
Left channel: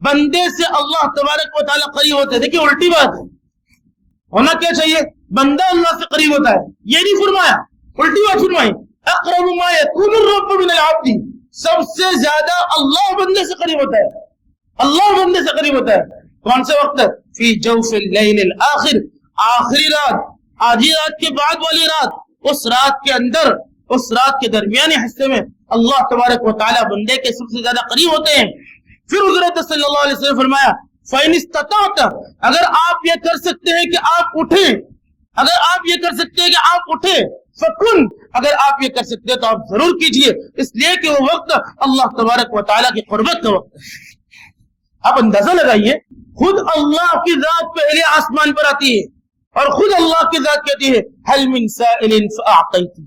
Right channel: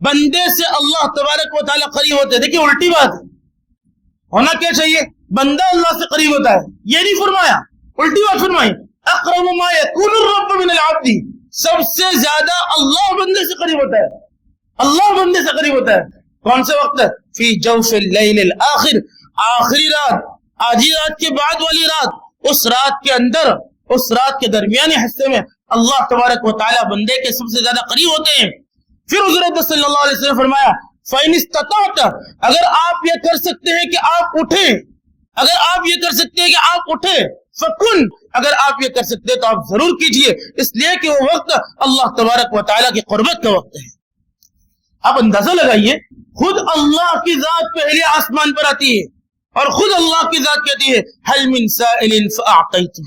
بندے سے اللہ تبارک و تعالیٰ قریب ہوتے ہیں. دیکھیے الٹی بات ہے، ہونا کیا چاہیے؟ بندہ اللہ سے قریب ہوتا ہے، یہ نہیں فرمایا، الٹی بات فرمائی. اقرب ما يكون الرب من العبد، سب سے زیادہ اللہ بندے سے قریب ہوتا ہے، اللہ بندے سے قریب ہوتا ہے. کون سے وقت؟ فی جوف اللیل الاخر، آخری رات، آدھی رات کے بعد والی رات، اس رات کے اندر، اس رات کے درمیانی حصے میں اللہ تبارک و تعالیٰ بندے کے سب سے زیادہ قریب ہوتے ہیں. پھر حضرت صلی اللہ علیہ وسلم فرمایا فَإِنِ اسْتَطَعْتَ، اگر آپ یہ کر سکتے ہیں کہ آپ اٹھیں، اگر آپ یہ کر سکتے ہیں کہ آپ اٹھیں، فَكُن، اگر آپ یہ کر سکتے ہیں تو آپ ضرور کیجئے، اس لیے کہ وہ وقت اللہ تبارک و تعالیٰ کی قربت کا وقت ہے. آپ اندازہ لگائیے، خود اللہ کی ذات پہلے آسمان پر آتی ہے اور خود اللہ کی ذات کہتی ہے هَلْ مِن سَائِلٍ فَأَعْطَيْتُهُ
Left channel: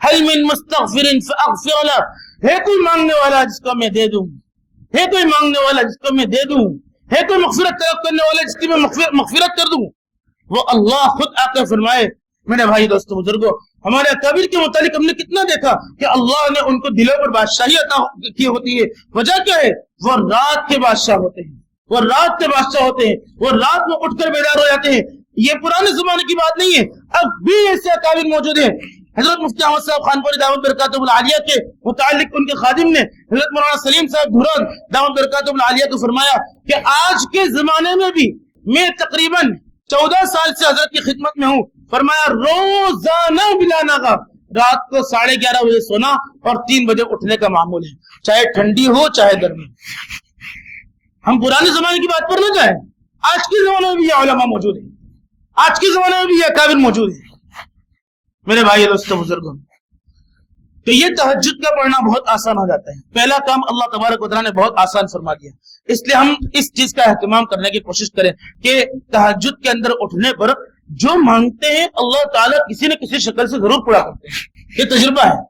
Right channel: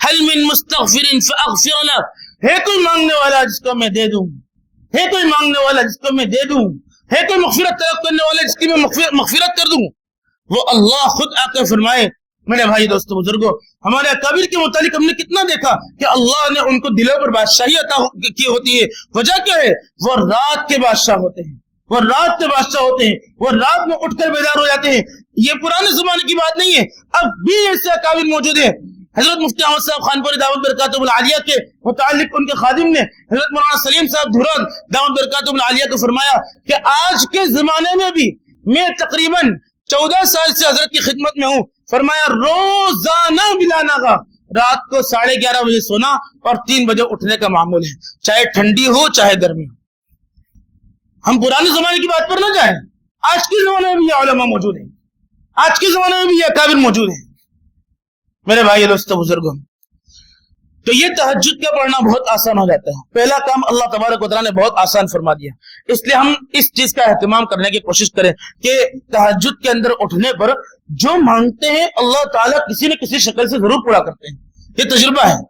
هَلْ مِن مُسْتَغْفِرٍ فَأَغْفِرَ لَهُ، ہے کوئی مانگنے والا جس کو میں دے دوں، ہے کوئی مانگنے والا جس کو میں دے دوں، ہے کوئی مغفرت طلب کرنے والا جس کی میں مغفرت کر دوں. وہ اللہ خود آ کر فرمائے. میرے بھائی دوستو بزرگوں، ہمارے اکابر کے متعلق ہم نے کتنا دیکھا کہ اللہ نے ان کو دلوں پر بادشاہی عطا کی ہوتی ہے. وجہ کیا ہے؟ وہ رات کے بادشاہ ہوتے ہیں، وہ رات کے بادشاہ ہوتے ہیں، وہ رات میں اٹھ کر بیدار ہو جاتے ہیں. یہ پرانے زمانے کی بات نہیں ہے، اب بھی ایسے اکابر موجود ہیں. حضرت مفتی احمد صاحب خانپوری دعوت برکاتہ العالیہ کے متعلق ان کے خادم نے حضرت مولانا سلیم صاحب دھران دعوت برکاتہ العالیہ کو فرمایا کہ آج کے زمانے میں بھی میں تقریباً 14 سال سے حضرت کی خدمت میں ہوں. فرمایا روزانہ بلا ناغہ رات کو 11:30 بجے سونا اور 3 بجے اٹھنے کا معمول ہے، چاہے ٹھنڈی ہو چاہے گرمی. ہم پرانے زمانے کی بات پر نہ جائیں، آج کے زمانے میں بھی یہ علماء موجود ہیں، آج کے زمانے میں بھی یہ اکابر موجود ہیں. میرے بھائی دوستو بزرگوں، تو یہ تہجد کا پڑھنا بہت آسان ہو جاتا ہے. پہلا کام اللہ تبارک و تعالیٰ نے بہت آسان فرما دیا، اس لیے ہم اس چیز کا اہتمام کرنے کی کوشش کریں کہ تہجد کے اندر اٹھنے پر جو مانگتے ہیں اللہ تعالیٰ کسی نہ کسی شکل سے ضرور پورا کرتے ہیں. یہ تجربہ ہے،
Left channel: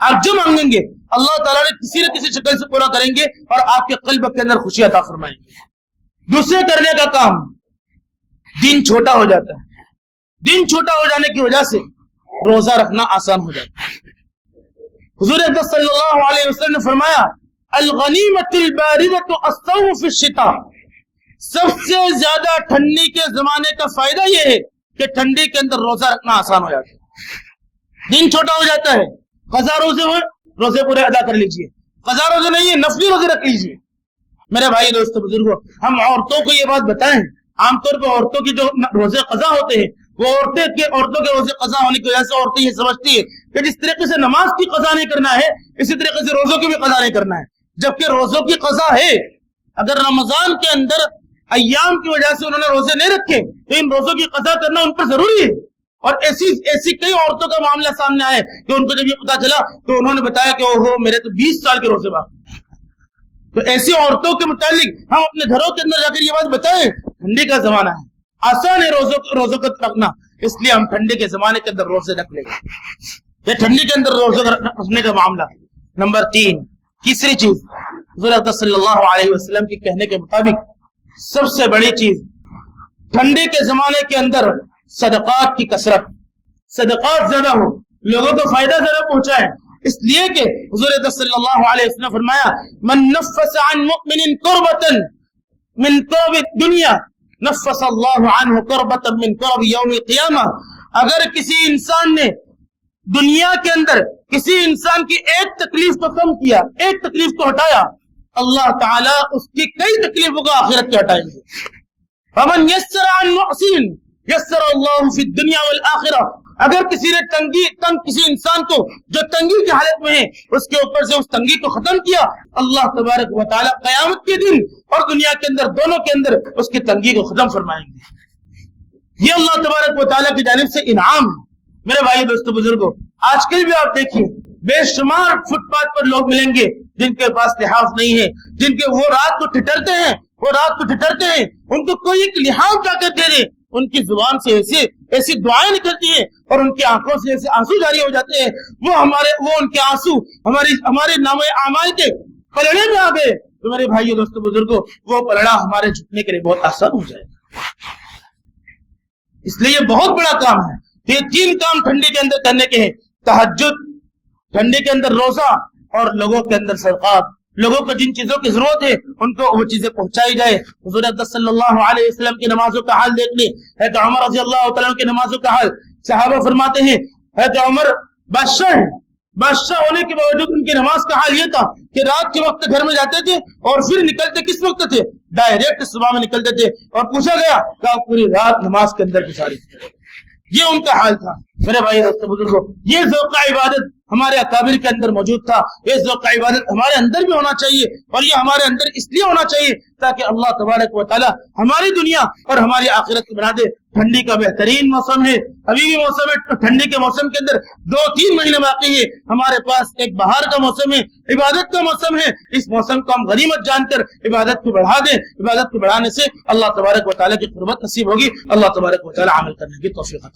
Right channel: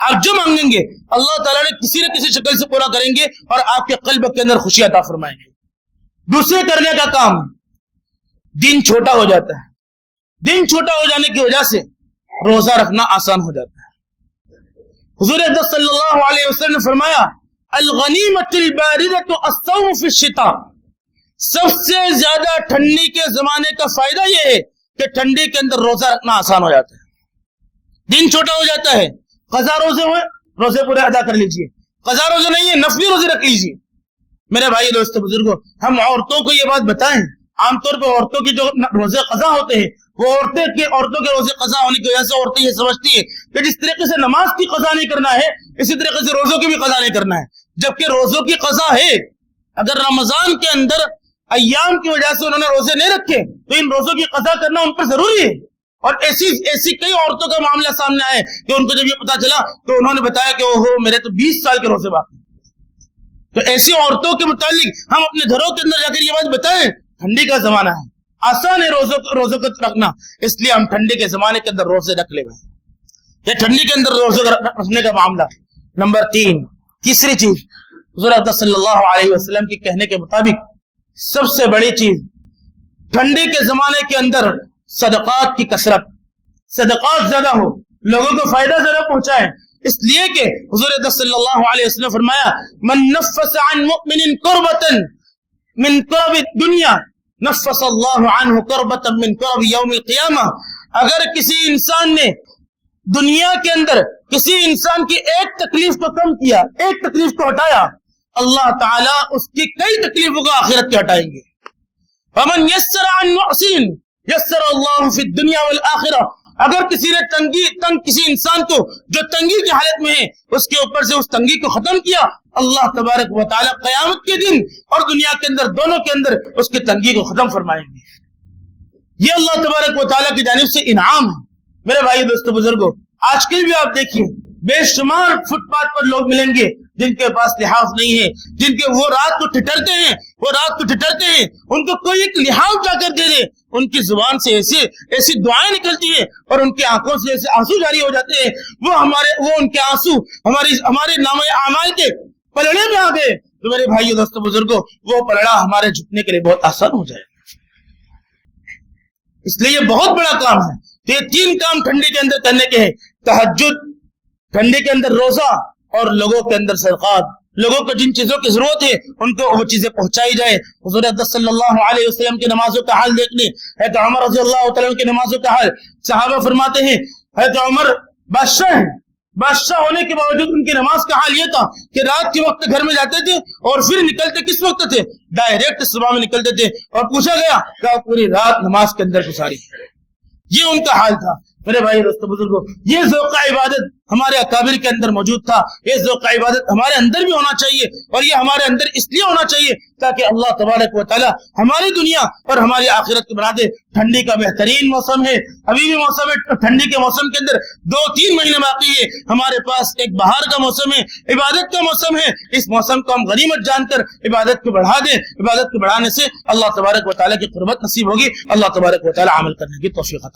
آپ جو مانگیں گے اللہ تعالیٰ نے کسی نہ کسی شکل سے پورا کریں گے اور آپ کے قلب کے اندر خوشی عطا فرمائیں گے. دوسرے کرنے کا کام، دن چھوٹا ہو جاتا ہے. دن چھوٹا ہو جانے کی وجہ سے روزہ رکھنا آسان ہو جاتا ہے. حضور صلی اللہ علیہ وسلم نے فرمایا الغنیمۃ الباردۃ الصوم فی الشتاء، سب سے زیادہ ٹھنڈی کے زمانے کا فائدہ یہ ہے کہ ٹھنڈی کے اندر روزہ رکھنا آسان ہو جاتا ہے، دن چھوٹا ہو جاتا ہے. قضا روزے ہوئے روزے پورے ادا کر لیجئے، قضا روزے نہیں ہے نفلی روزے رکھ لیجئے. میرے بھائی دوستو بزرگوں، ہم عورتوں کو یہ بات بتائیں، عام طور پہ عورتوں کی جو روزے قضا ہوتے ہیں وہ عورتوں کے روزے قضا ہونے کی وجہ سے عورتیں یہ سمجھتی ہے کہ جس طریقے سے نماز کی قضا نہیں کرنا ہے اسی طریقے سے روزوں کی بھی قضا نہیں کرنا ہے، جبکہ روزوں کی قضا ہے. اگر رمضان کے اندر ایام کی وجہ سے انہوں نے روزے نہیں رکھے تو ان روزوں کی قضا کرنا ان پر ضروری ہے. اور ایسی کئی عورتوں کا معاملہ سامنے آئے کہ ان کو جب یہ پتا چلا تو انہوں نے بتایا کہ اوہو میرے تو 20 سال کے روزے باقی. تو ایسی عورتوں کے متعلق ہم اپنے گھروں کے اندر جا کر یہ بات بتائیں، ٹھنڈی کا زمانہ ہے، آسان ہے روزوں کو رکھنا، اس لیے ہم ٹھنڈی کے زمانے کے اندر روزے رکھ لیں گے. یہ ٹھنڈی کے اندر روزے رکھنے کا معاملہ. نمبر 3، تیسری چیز، حضور صلی اللہ علیہ وسلم کے کہنے کے مطابق سب سے بڑی چیز ٹھنڈی کے زمانے کے اندر صدقات کی کثرت، صدقات زیادہ ہو، لوگوں کو فائدہ زیادہ پہنچائے. اس لیے کہ حضور صلی اللہ علیہ وسلم فرمایا من نفس عن مؤمن کربتا من کرب الدنیا نفس اللہ عنہ کربتا من کرب یوم القیامہ. اگر کسی انسان نے دنیا کے اندر کسی انسان کی ایک تکلیف کو کم کیا، ایک تکلیف کو ہٹایا، اللہ تعالیٰ اس کی کئی تکلیفوں کو آخرت کے ہٹائیں گے. فمن یسر عن محسن یسر اللہ فی الدنیا والآخرہ. اگر کسی نے تنگ کسی انسان کو جو تنگی کی حالت میں ہے اس کے اوپر سے اس تنگی کو ختم کیا، اللہ تبارک و تعالیٰ قیامت کے دن اور دنیا کے اندر دونوں کے اندر اس کی تنگی کو ختم فرمائیں گے. یہ اللہ تبارک و تعالیٰ کی جانب سے انعام ہے. میرے بھائی دوستو بزرگوں، آج کل بھی آپ دیکھیے بے شمار فٹ پاتھ پر لوگ ملیں گے جن کے پاس لحاظ نہیں ہے، جن کے وہ رات کو ٹھٹرتے ہیں، ان کو کوئی ایک لحاظ جا کر دے دے، ان کی زبان سے ایسی دعائیں نکلتی ہیں اور ان کی آنکھوں سے ایسے آنسو جاری ہو جاتے ہیں، وہ ان کے آنسو ہمارے نامہ اعمال کے پلڑے میں آ گئے. تو میرے بھائیو دوستو بزرگوں، وہ پلڑا ہمارے جھکنے کے لیے بہت آسان ہو جائے. اس لیے یہ بہت بڑا کام ہے. تو یہ 3 کام ٹھنڈی کے اندر کرنے کے ہیں: تہجد، ٹھنڈی کے اندر روزہ، اور لوگوں کے اندر صدقات. لوگوں کو جن چیزوں کی ضرورت ہے ان کو وہ چیزیں پہنچائی جائے. حضور صلی اللہ علیہ وسلم کی نمازوں کا حال دیکھ لیں. حضرت عمر رضی اللہ تعالیٰ کی نمازوں کا حال. صحابہ فرماتے ہیں حضرت عمر بادشاہ ہونے کے باوجود ان کی نماز کا حال یہ تھا کہ رات کے وقت گھر میں جاتے تھے اور پھر نکلتے کس وقت تھے؟ ڈائریکٹ صبح میں نکلتے تھے. اور پوچھا گیا کہ آپ پوری رات نماز کے اندر گزاری. یہ ان کا حال تھا. میرے بھائی دوستو بزرگوں، یہ ذوق عبادت ہمارے اکابر کے اندر موجود تھا. یہ ذوق عبادت ہمارے اندر بھی ہونا چاہیے، اور یہ ہمارے اندر اس لیے ہونا چاہیے تاکہ اللہ تبارک و تعالی ہماری دنیا اور ہماری آخرت کو بنا دے. ٹھنڈی کا بہترین موسم ہے، ابھی بھی موسم ہے. ٹھنڈی کے موسم کے اندر 2-3 مہینے باقی ہے. ہمارے پاس ایک بہار کا موسم ہے، عبادت کا موسم ہے. اس موسم کو ہم غنیمت جان کر عبادت کو بڑھا دیں. عبادت کو بڑھانے سے اللہ تبارک و تعالی کی قربت نصیب ہوگی. اللہ تبارک و تعالی عمل کرنے کی توفیق عطا